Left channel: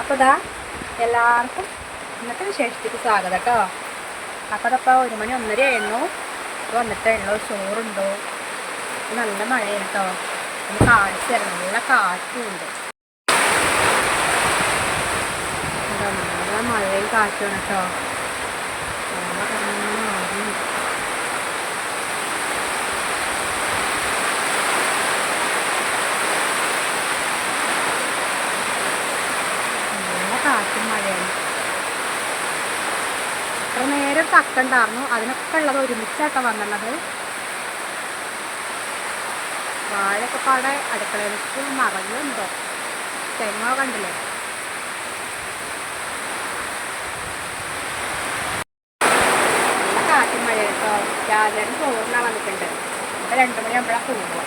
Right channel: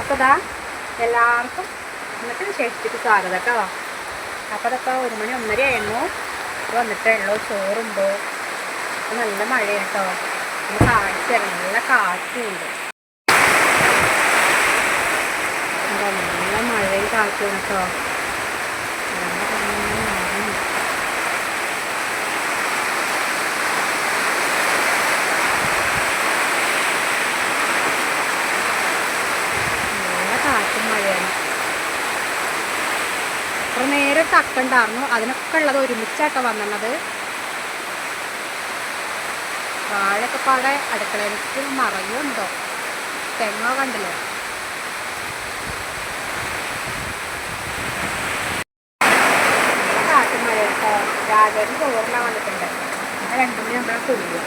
അപ്പോൾ ദാ എല്ലാവർക്കും ഇന്നത്തെ വിശേഷത്തിക്ക് സ്വാഗതം കേട്ടോ. അപ്പോൾ അതപ്പോൾ ഒരു മണി ഒന്നര ആയിരുന്നു. വന്നിട്ടേ ഉള്ളൂ ചോറുണ്ടോ? നല്ല മഴയാണ് കേട്ടോ. പിന്നെ തരാം നല്ല കാറ്റും ഉണ്ട് എന്താ നല്ല മഴയും കാറ്റുമാണ് കേട്ടോ വെള്ളമൊക്കെ ഇങ്ങനെ മാറുന്നു നല്ല കാറ്റും മഴയാണ് അത്ര നേരം തക്കണ്ടായിരുന്നു അതിനൊക്കെ ഉള്ളത് ഒരുമിച്ചാട്ടോ വന്നത് വാഴയൊക്കെ പാടെ അടുക്കളയിലേക്ക് മറഞ്ഞുണ്ടോ? തെങ്ങോ കണ്ടില്ലേ? നല്ല കാറ്റും മഴ കേട്ടോ രാജേട്ടൻ ചോറിനാൻ വന്നിട്ടുണ്ട്. ഇപ്പം രണ്ടു മണി പോകുക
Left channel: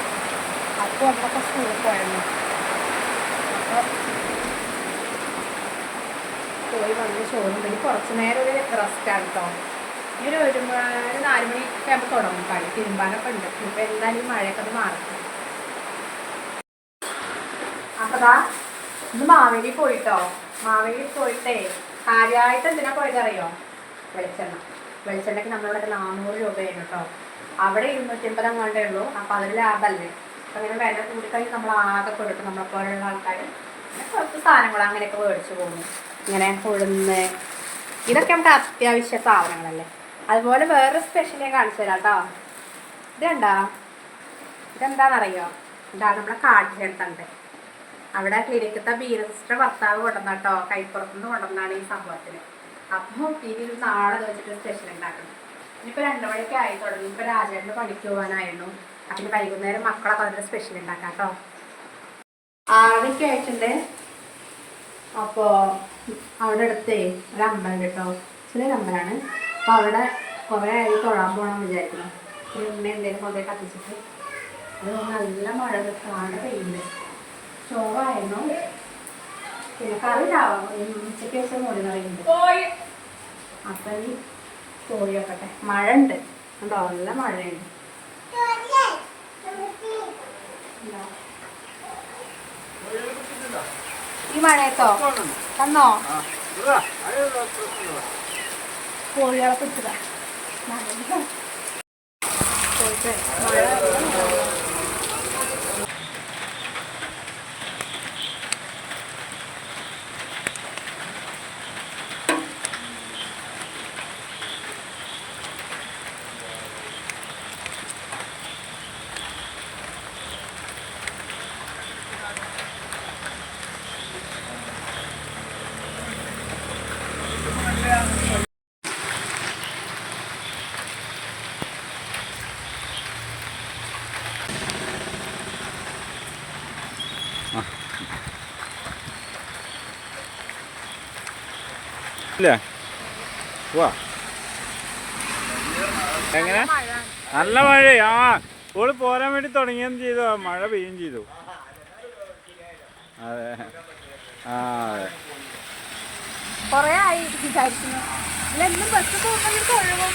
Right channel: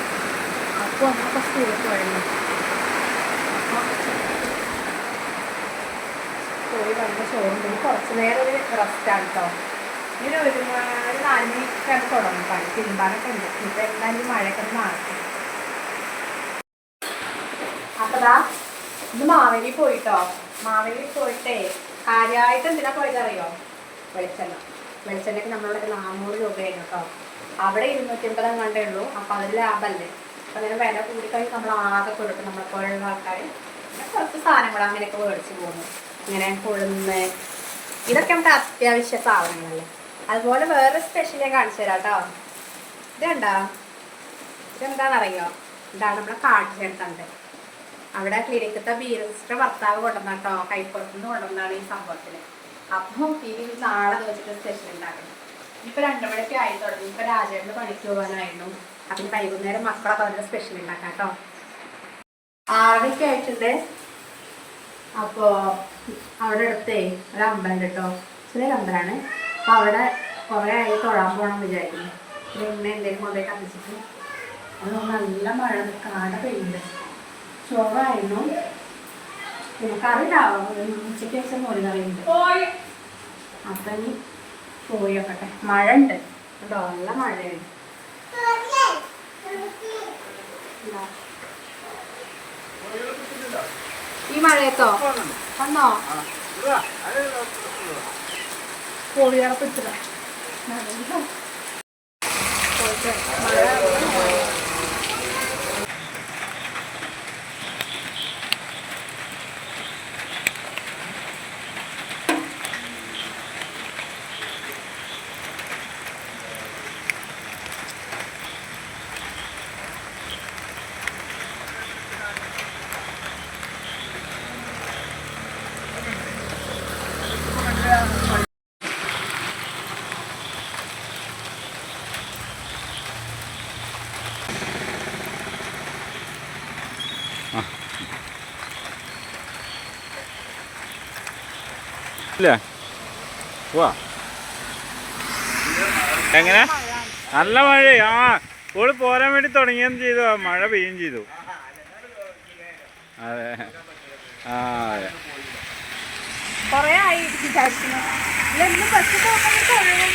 അപ്പോൾ നമ്മളൊക്കെ സ്കൂളിൽ പോയിരുന്നു വന്ന് ചോറും പിന്നെ കുറച്ച് നേരം ഒരു റെസ്റ്റാണ് കേട്ടോ ഇങ്ങനെ ഒരു ഒരു നാല് മണിക്ക് ആകുമ്പോൾ തുടങ്ങും. പണി തിരുമ്പാനൊക്കെ ഉണ്ട്. ഇപ്പം എന്തായാലും ഈ മഴയൊക്കെ ഒന്ന് മാറട്ടെ. അപ്പോൾ ദാ ഇന്ന് മാവേലി പോയിട്ടോ? മാവേലി പോയിട്ടേ കാര്യമായിട്ട് എന്തിനാ പോയത് അറിയോ വെളിച്ചെണ്ണ. വെളിച്ചെണ്ണയ്ക്ക് നമ്മളിവിടെ നാനൂറ് രൂപയാണ് കേട്ടോ അവിടെ ഇരുന്നൂറ്റി അമ്പത് അങ്ങാണ്ടേ ഉള്ളൂ. അപ്പം അതിൽ ലാഭമല്ലേ അപ്പം അങ്ങനെ വില കൂടിക്കഴിഞ്ഞ് നമ്മൾ ആകെ കൊടുക്കും നമ്മളെ പോലുള്ള ആൾക്കാർ കുറച്ച് സാധനങ്ങൾ അങ്ങനെയൊക്കെ മേടിച്ച് പോകുന്നു. ഇങ്ങനെ ഉഴുന്ന് ഇതൊക്കെ നമുക്ക് അത്യാവശ്യ സാധനങ്ങളല്ലേ അതുപോലെ വേറെ സ്പെഷ്യൽ ഞാൻ കാണിച്ചു തരാം കേട്ടോ ഇതെന്താ? ഇതെന്താണെന്നറിയോ ഇതാണ് നമ്മളെ കാട്ടിലെടുത്തണ്ട് അവിടെ ക്ലിനിക്കത്തെ ബീര സിസ്റ്റർ ഭർത്താവ് കൊണ്ടുവന്ന കേട്ടോ കൈപ്പുറത്തുനിന്ന് കൊണ്ടുവന്നാണ് ഈ സംഭവത്തിന്. അപ്പോൾ ഇനി നാളെ വെച്ചിട്ട് സ്പെഷ്യൽ ഉണ്ടാക്കണം. ഇനിയിപ്പോൾ രണ്ടു മണിക്ക് ആയി തുടങ്ങി. ഇപ്പോൾ രാജേട്ടന് പണിക്ക് പോകാനായിരുന്നു. അപ്പം വൈകുന്നേരം മക്കളൊക്കെ അതിന്റെ സ്പെഷ്യൽ ഉണ്ടാക്കാം കേട്ടോ ആറരയ്ക്ക് ആയിട്ടുണ്ട്. അപ്പോൾ അവിടെ അടുത്തേ ഒരു അമ്പലം കേട്ടോ. ചെറിയ അമ്പലമാണ്. അപ്പോൾ അവിടെ കുറേ ആയി തൊഴാൻ പോകണം വിചാരിക്കുന്നു. പിന്നെ ഉമ്മ എന്തെങ്കിലും കൊണ്ടുപോയി കത്തിച്ചിട്ട് അത് നല്ല മഴ കാട പെയ്യുന്നുണ്ട്. ചോറായിരുന്നു. പിന്നെ കറി ഉണ്ടാവും? ഉച്ചയ്ക്ക് വെച്ച മോര് കറിയുണ്ട് അപ്പം ഇനി പോയി വെക്കട്ടെ മഴ ഉണ്ട്. കേട്ടോ നല്ല മഴയുണ്ട്. ഈ മഴയത്തോ? വന്നോ കോഴികളെ പിടിച്ചതാ. നല്ല പോയിട്ട് മഴ ഇല്ല. വാ എങ്ങനെ? നല്ല മഴ ആ ഓൾ പോരാൻ വേണ്ടി തുടങ്ങിയെന്ന് ചെയ്തു. മഴ പെയ്യും ചെയ്തു. അതെ. ആ അതെ. കൊറേ ആയി വിചാരിക്കുന്നു. ഇല്ലെന്നും ബസ് പോകുമ്പോൾ തൊഴവും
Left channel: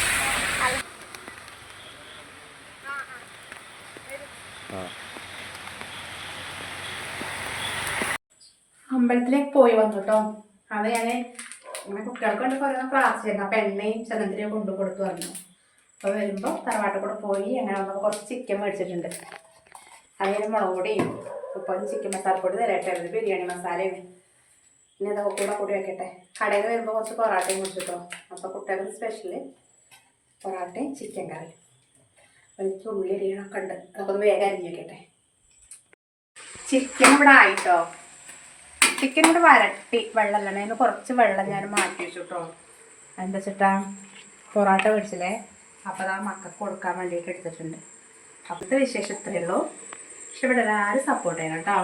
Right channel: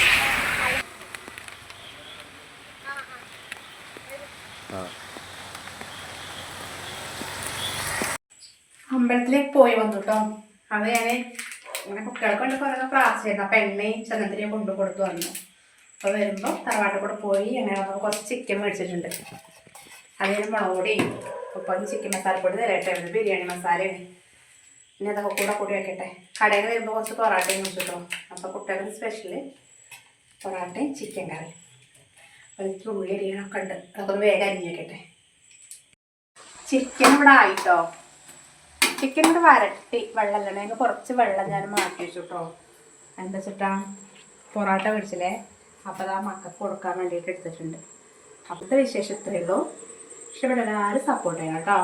ആ. അമ്പലത്തിലേക്ക് പോയി വന്നു കേട്ടോ അത് ഞാൻ ഇങ്ങനെ കുട്ടികൾക്ക് വേണ്ടി കുറേ പ്രാർത്ഥിച്ചിരുന്നു അപ്പം എണ്ണയും ചന്ദനത്തിനെയും കൊണ്ടു കൊടുത്തു വന്നു. അപ്പോൾ വരുമ്പോൾ തറവാട്ടിൽ കൂടെ പോയി അങ്ങനെ വന്നപ്പോൾ കുറച്ച് ചിക്കൻ മേടിച്ചിട്ടുണ്ട്. അതിന് മുളക് ഇപ്പോൾ ചിക്കൻ ചിക്കൻ മസാലപ്പൊടി തരട്ടായിരുന്നു ബിരിയാണി മസാലയും പിന്നെ അതൊക്കെ കൂടെ കൂടി വെക്കട്ടെ. കടയിൽ വരുമ്പോൾ കുറച്ച് പൊറാട്ടയും കുടിച്ചു കേട്ടോ അപ്പോൾ കുട്ടികൾക്ക് സ്പെഷ്യൽ പൊറാട്ടയും ചിക്കൻ കറി. എനിക്ക് ഉള്ളി അരിയണമൊക്കെ ഉണ്ട്. അതൊക്കെ ഒന്ന് വേഗം അരിഞ്ഞ് വെക്കട്ടെ. ചിക്കൻ ഇവിടെ ആയിട്ടോ? ചിക്കൻ കൂടെ വരട്ടി വെള്ളം അതിന് കുറച്ച് വെള്ളം ഞാൻ മാറ്റി വെച്ചു കേട്ടോ എന്താ വെച്ചിട്ടാ പൊറോട്ട പിടിച്ചില്ലേ അപ്പോൾ അത് ആ മക്കൾക്ക് കൊടുക്കാൻ വേണ്ടിയിട്ട് എടുത്തിട്ടുണ്ട്. അപ്പോഴത്തെ വിശേഷം ഇത്രയേ ഉള്ളൂ. പക്ഷെ ഇവിടെ എല്ലാവരും സപ്പോർട്ട് ചെയ്യണം കേട്ടോ.